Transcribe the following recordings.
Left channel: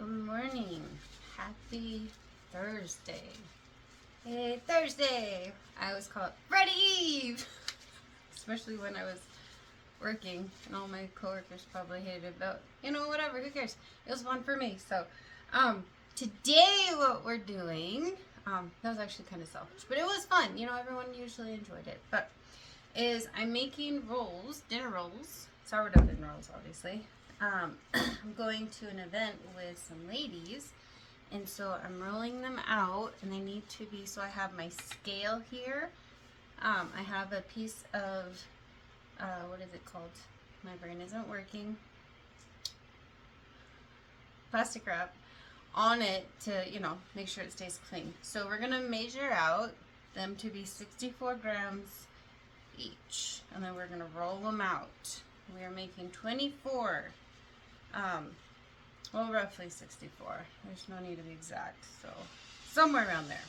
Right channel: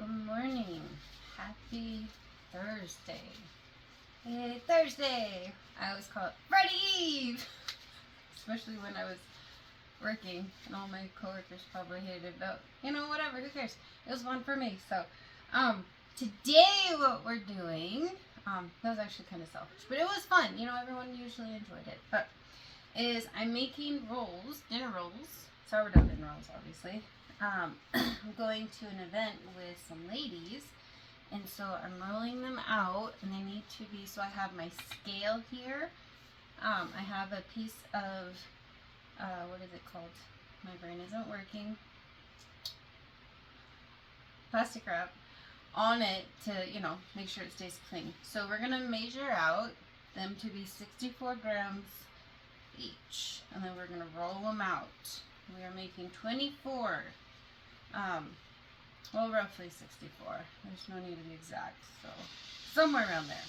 Good morning. Happy Thursday. Hey, Thursday. I always call it Friday Eve. Especially when I was working and all my coworkers probably hated it, but whatever, who cares? It was fun for me. So, today what we're doing, that was actually kind of selfish, but it was fun. Everyone usually enjoyed it, but I'm making rolls, dinner rolls, sourdough dinner rolls, obviously. I'm going to an event with some ladies, and so I'm rolling them out, and they need to be, so I have my scale here. I have a piece of, what is it called? My brain isn't working. Plastic wrap on it to, make sure it stays clean. So we're going to measure out them to be 64 grams each, and then we're going to roll them out. We are making 24. Well, roughly 64. There's no need to be exact, so somewhere around there.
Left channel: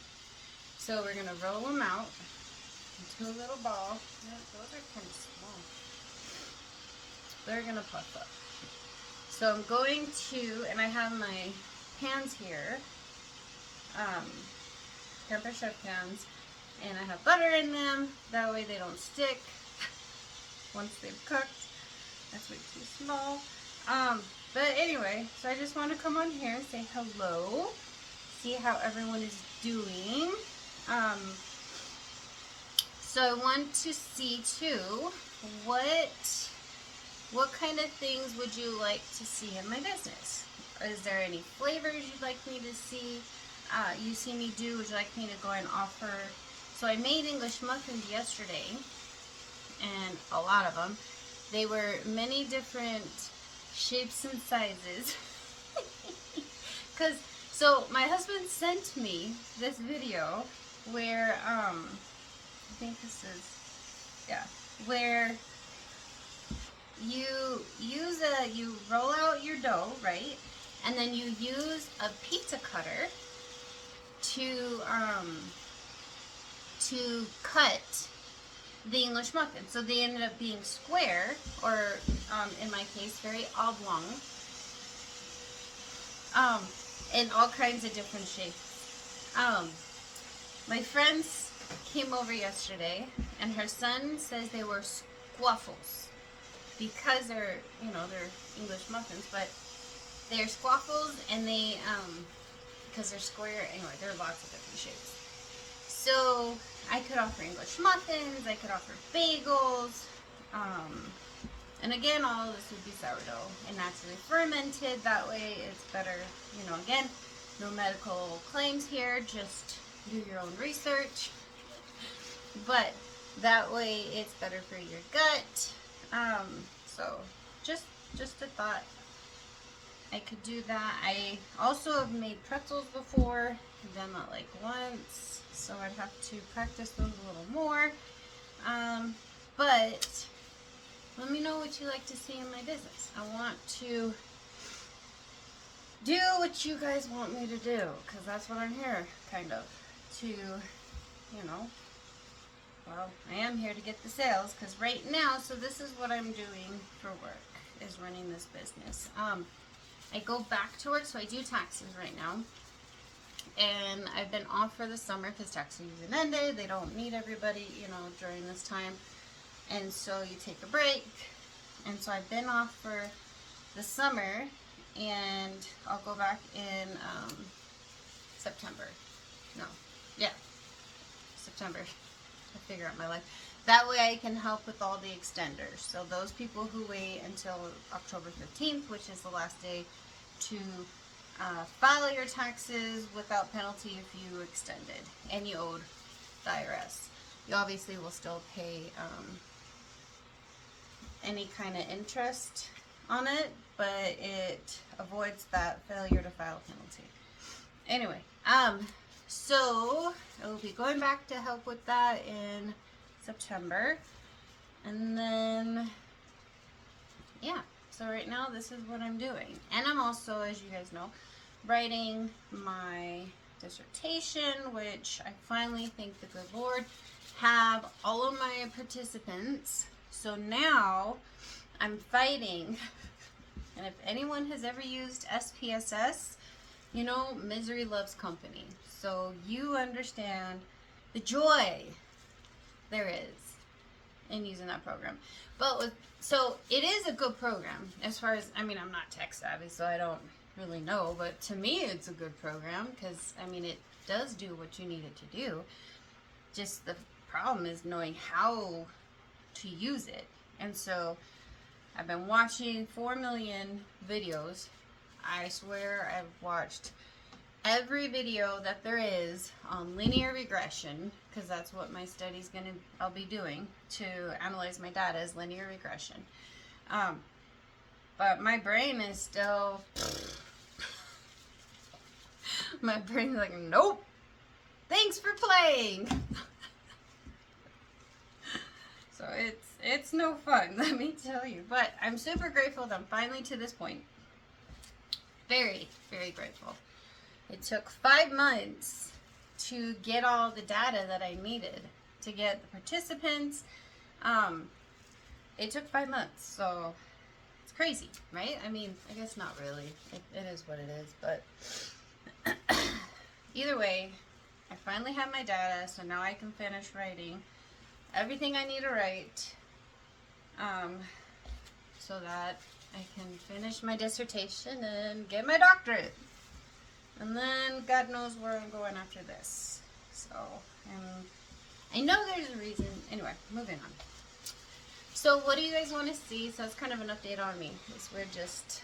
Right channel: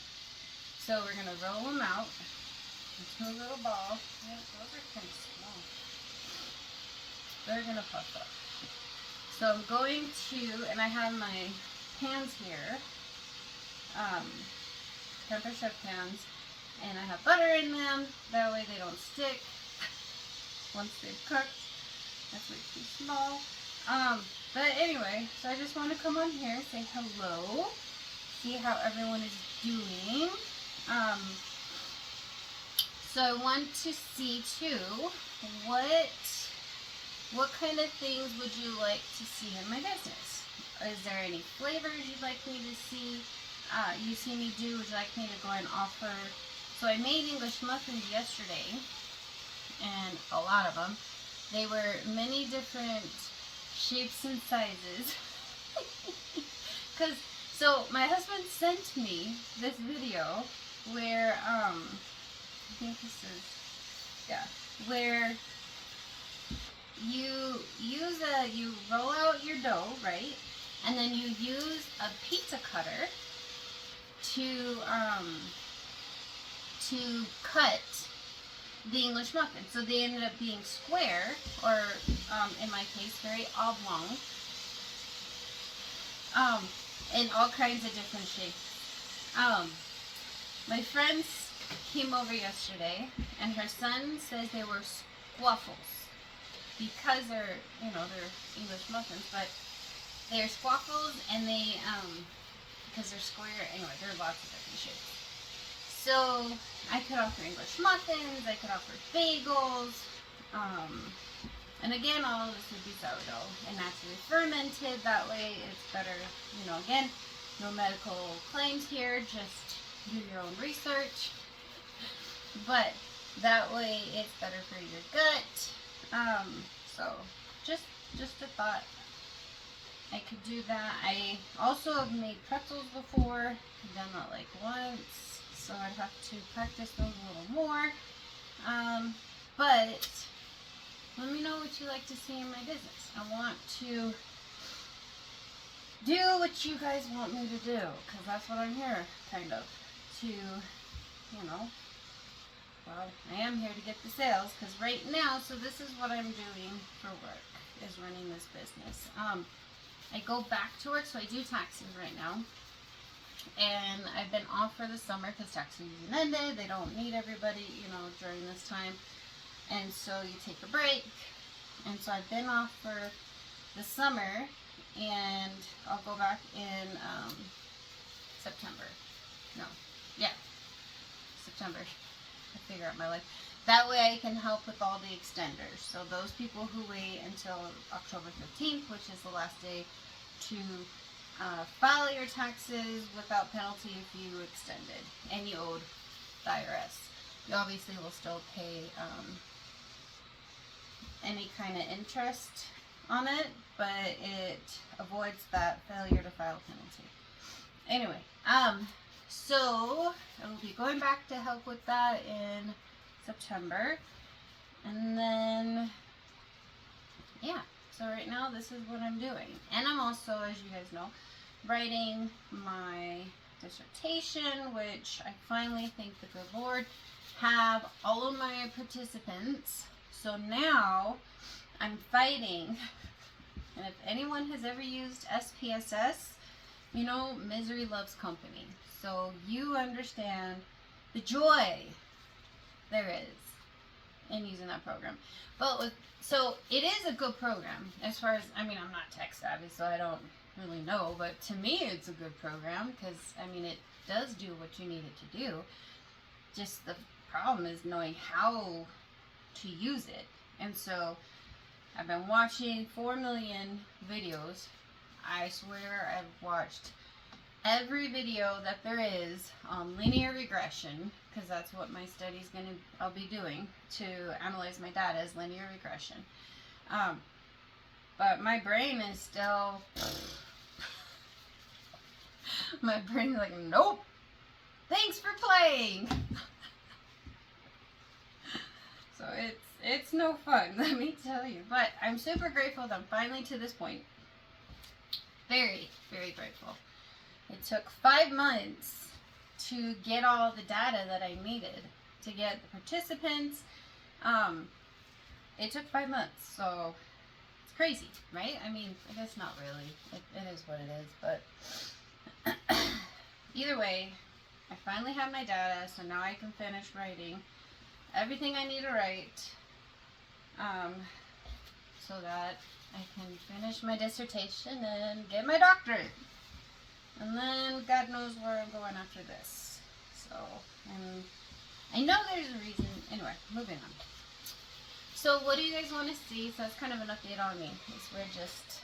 So we're going to roll them out into a little ball. Yeah, those are kind of small. They're going to puff up. So I'm going to, and I have my pans here, temper chef pans, and I have butter in them. That way they don't stick once they've cooked. That's way too small. But anyway, so I just want to come on here, say hello, see how everyone is doing. So I want to see too, what kind of things would you like to see in my business? Is there any flavors you'd like me to see? You see me do, would you like me to go and offer? So I made English muffins yesterday, and a lot of them. They were many different shapes and sizes. So my husband sent me this video where, I think this is, yeah, where you you roll out your dough, right? And then you use a pizza cutter to cut the English muffin. So they ended up being square, or in my case, very oblong, in all kinds of different shapes. My friends came over yesterday, and her son says they were squaffles because they're English muffins, but they're squaffles, and they because they're square. Anyway, there are lots of different shapes. So I could offer English muffins, I could offer bagels, and again, all of this would be sourdough and naturally fermented. That way it's better, again, no medical claims here, just do your own research. But that way it's better for your gut. So just a thought. I could do that. I also have made pretzels before. I've done that like once. So I'd have to practice those a little more. But let me know what you like to see in my business. I want to do what you guys want me to do, because that's what I'm here, kind of, to, well, I am here to get the sales, because right now, so this is what I'm doing for work, is running this business. I go back to work, so I do taxes right now. And I've been off for the summer because tax season ended. They don't need everybody, during this time. And so you take a break. And so I've been off for the summer, and I'll go back in September. No, yeah, September. I figure out my life. That way I can help with all the extenders. So those people who wait until October 15th, which is the last day to file your taxes without penalty if you extended and you owed the IRS. You obviously will still pay any kind of interest on it, but it avoids that failure to file penalty. Anyway, so I will be going back to help with that in September, and then yeah. So right now, this is what I'm doing. And I'm also, as you guys know, writing my dissertation, which I finally, thank the good Lord, have all of my participants. So now I'm fighting, and if anyone has ever used SPSS, You know, misery loves company. So you understand the joy there is in using that program. So it is a good program as far as, I mean, I'm not tech savvy, so I don't really know, but to me it's a good program because, I mean, it does do what you need it to do. Just the problem is knowing how to use it. And so I've been watching 4 million videos. I swear I've watched every video that there is on linear regression, because that's what my study's I'll be doing to analyze my data as linear regression. But my brain is still, my brain's like, nope, thanks for playing. So it's no fun, let me tell you. But I'm super grateful that I'm finally to this point. Very, very grateful. It took 5 months to get all the data that I needed to get the participants. It took 5 months, so it's crazy, right? I mean, I guess not really. It is what it is, but either way, I finally have my data, so now I can finish writing everything I need to write, so that I can finish my dissertation and get my doctorate. And then God knows where I'm going after this. So, I know there's a reason. Anyway, moving on. So what do you guys want to see? So it's kind of an update on me. We're just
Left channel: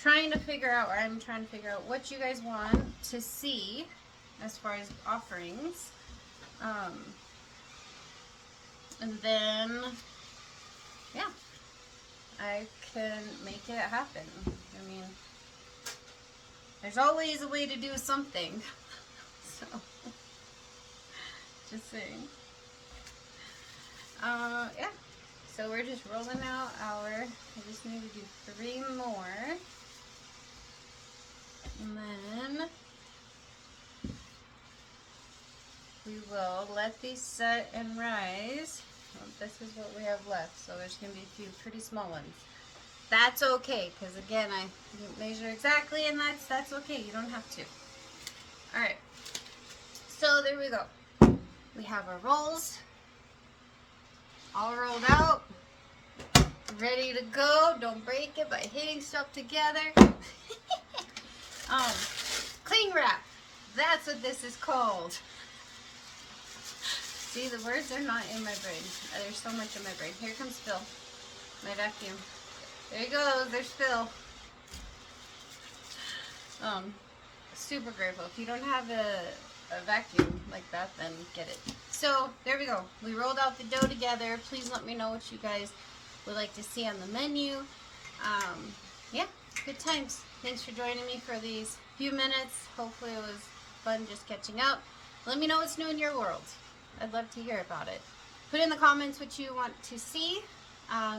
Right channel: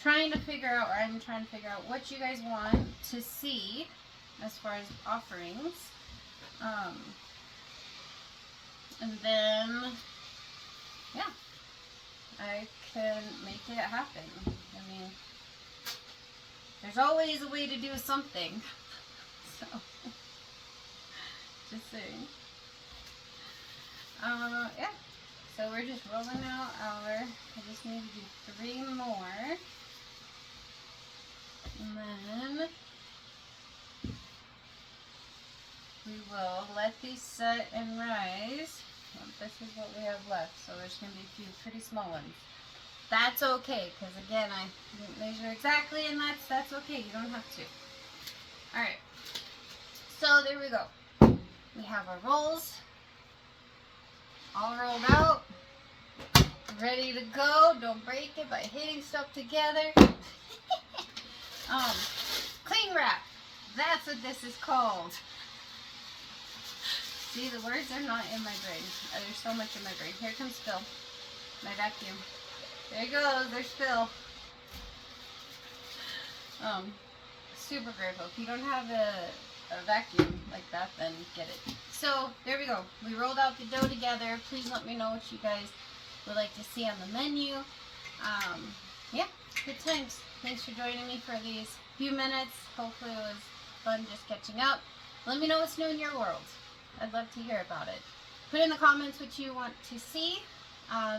trying to figure out, or I'm trying to figure out what you guys want to see as far as offerings. And then, yeah, I can make it happen. I mean, there's always a way to do something. So, just saying. Yeah. So we're just rolling out I just need to do 3 more. And then we will let these set and rise. Well, this is what we have left. So there's going to be a few pretty small ones. That's okay, because again, I didn't measure exactly, and that's okay. You don't have to. Alright. So there we go. We have our rolls all rolled out. Ready to go. Don't break it by hitting stuff together. Cling wrap. That's what this is called. See, the words are not in my brain. There's so much in my brain. Here comes Phil. My vacuum. There he goes. There's Phil. Super grateful. If you don't have a vacuum like that, then get it. So, there we go. We rolled out the dough together. Please let me know what you guys would like to see on the menu. Yeah, good times. Thanks for joining me for these few minutes. Hopefully it was fun just catching up. Let me know what's new in your world. I'd love to hear about it. Put in the comments what you want to see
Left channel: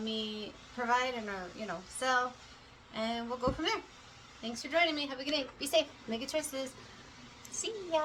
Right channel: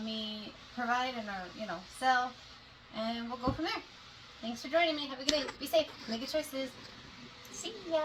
me provide and sell, and we'll go from there. Thanks for joining me. Have a good day. Be safe. Make good choices. See ya.